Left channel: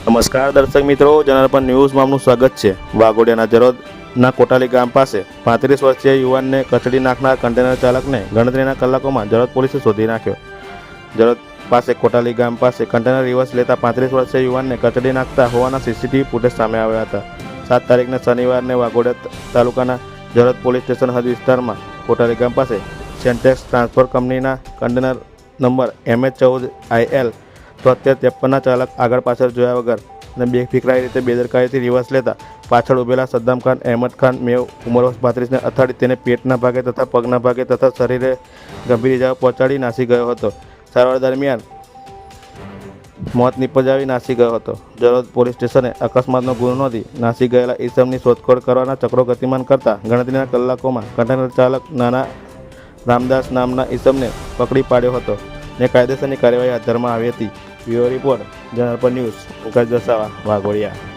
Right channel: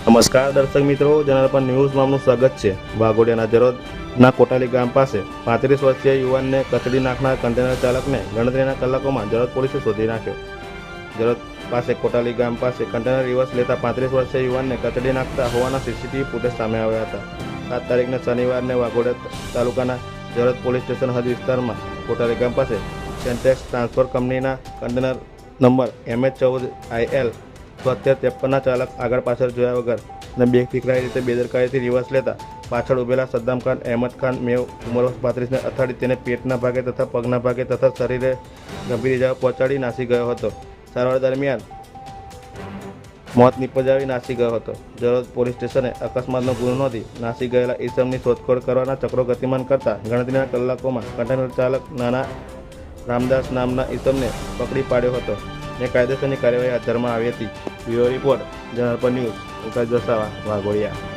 નમસ્કાર દર્શક મિત્રો, જનાર્પણ ન્યૂઝમાં આપનું સ્વાગત છે. વાઘોડિયાના જરોદના કોટાલી ગામ પાસે પાંત્રીસ વર્ષીય યુવાનને કચડી નાખનાર કન્ટેનર ચાલકને ગણતરીના કલાકોમાં જરોદ પોલીસે શોધી નાખ્યો. જરોદ પાસે કોટાલી ગામ પાસે કન્ટેનર રિવર્સ લેતા પાંત્રીસ વર્ષીય યુવાનને કચડી નાખતા હોવાના સીસીટીવી ફૂટેજ સામે આવ્યા હતા. સાત તારીખને શનિવારને વાઘોડિયા તાલુકાના જરોદ પોલીસ સ્ટેશન હદ વિસ્તારમાં કોટાલી ગામ પાસે સેન્ટેક્સ ટ્રાન્સફર કંપનીના કન્ટેનર નંબર એમએચ ચૌદ આઈએલ તોતેર ત્રેપનના ચાલક આગળ પાછળ જોયા વગર અને બેફિકરાઈ રીતે બેદરકારીથી રિવર્સ લેતા પાછળ ઉભેલા સદ્દામ ખાન, અહેમદ ખાન, મેવ, ઉંમર વર્ષ અથાડી તેને પેટના ભાગે તથા પગના ભાગે તથા શરીરે ગંભીર ઇજાઓ પહોંચાડી નાસી ગયો હતો. સારવાર દરમિયાન મોત નિપજાવી નાસી ગયો હતો. જરોદ પોલીસ સ્ટેશને અકસ્માતનો ગુનો નોંધી નાસી ગયેલા ઈસમની શોધખોળ કરવાના ચક્રો ગતિમાન કરતા ગણતરીના કલાકોમાં કન્ટેનર ચાલક નાના રામદાસ નામના ઈસમને પકડી પાડ્યો હતો. ને કાયદેસરની કાર્યવાહી હાથ ધરવામાં આવી હતી bureau report general news Ukai Dasava Waghodia.